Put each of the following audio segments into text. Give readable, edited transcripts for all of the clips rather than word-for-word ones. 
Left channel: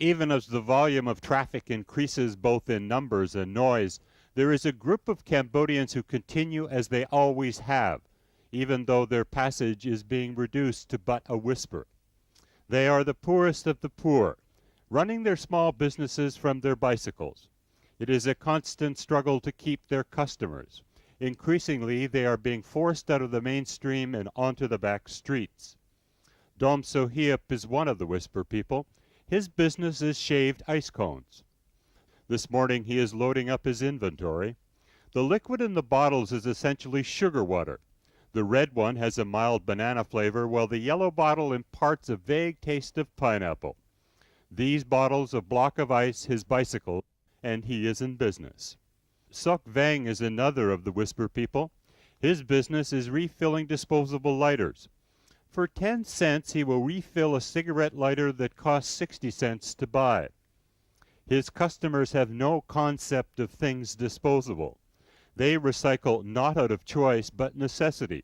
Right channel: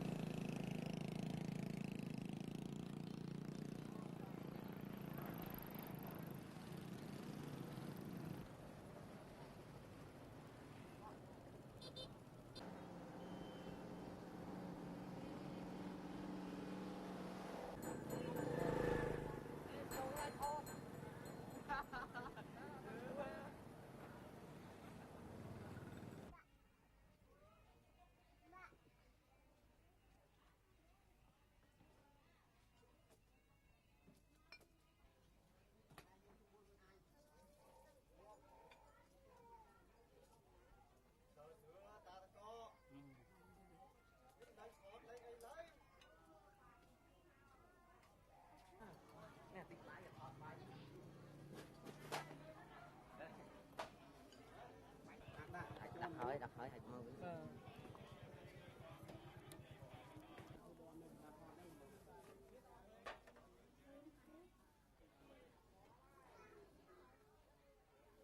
Even as the volume of traffic increases both in numbers and noise, there is a group of Cambodians who continue as they always have, even though their passage is being reduced to but a whisper. They are the poorest of the poor, running their small businesses from their bicycles. It is a constant struggle to keep their customers. Increasingly, they are being forced out of the mainstream and onto the back streets. Dom Sohiep is one of the whisper people. His business is shaved ice cones. This morning he is loading up his inventory. The liquid in the bottles is essentially sugar water. The red one has a mild banana flavor, while the yellow bottle imparts a vague taste of pineapple. These bottles a block of ice, his bicycle, and he is in business. Sok Vang is another of the whisper people. His business is refilling disposable lighters. For 10 cents, he will refill a cigarette lighter that costs 60 cents to buy. His customers have no concept of things disposable. They recycle not out of choice but necessity.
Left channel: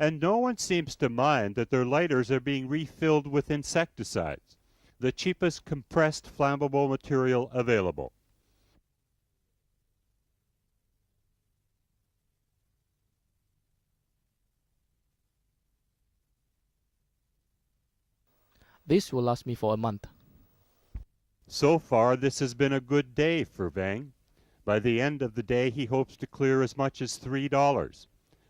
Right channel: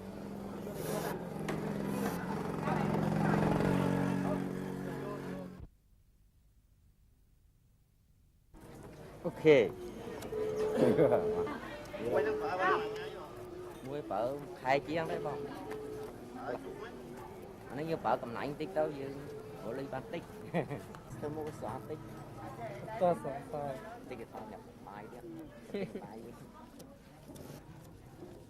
And no one seems to mind that their lighters are being refilled with insecticides, the cheapest compressed flammable material available. Okay. This will last me for a month. So far, this has been a good day for Vang. By the end of the day, he hopes to clear as much as $3.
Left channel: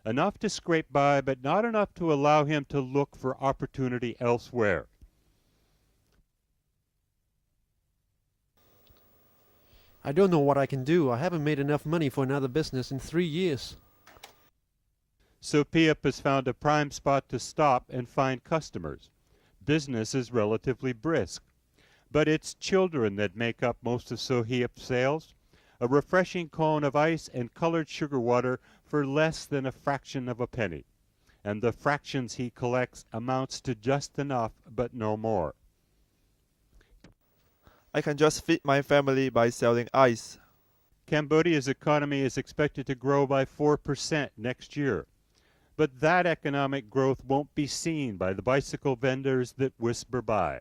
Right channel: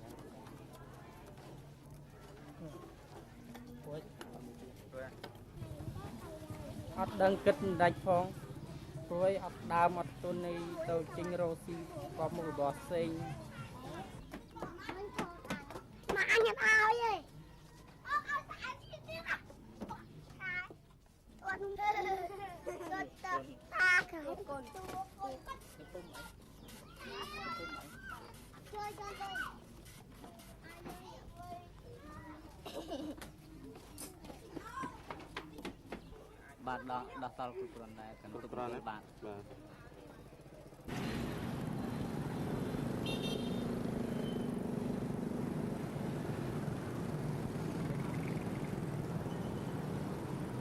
Enough to scrape by, but not enough to allow him to look for opportunity elsewhere. I don't know what I can do. I haven't made enough money for another business in 3 years. Sohiep has found a prime spot to stop and find customers. Business is relatively brisk, but it's children that make up most of Sohiep's sales. A refreshing cone of ice and colored sugar water for less than a fraction of a penny. And the fractions he collects amounts to just enough, but no more. I can just feed my family by selling ice. Cambodia's economy is expected to grow by 4% next year. But that economic growth won't be seen by the bicycle vendors that whisper by.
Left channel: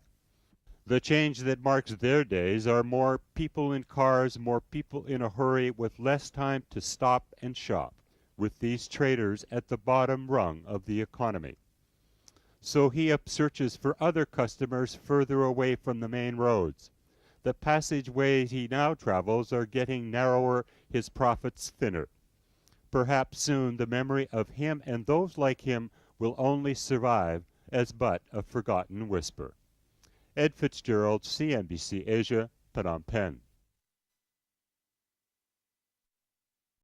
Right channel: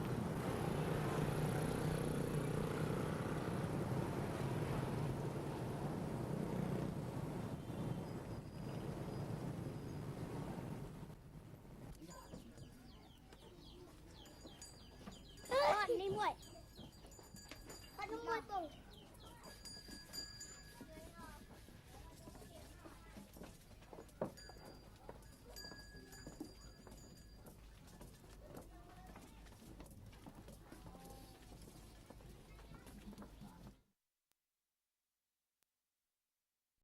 The change that marks their days are more people in cars, more people in a hurry with less time to stop and shop, with these traders at the bottom rung of the economy. Sohiep searches for other customers further away from the main roads. The passageways he now travels are getting narrower, his profits thinner. Perhaps soon the memory of him and those like him will only survive as but a forgotten whisper. Ed Fitzgerald, CNBC Asia, Phnom Penh.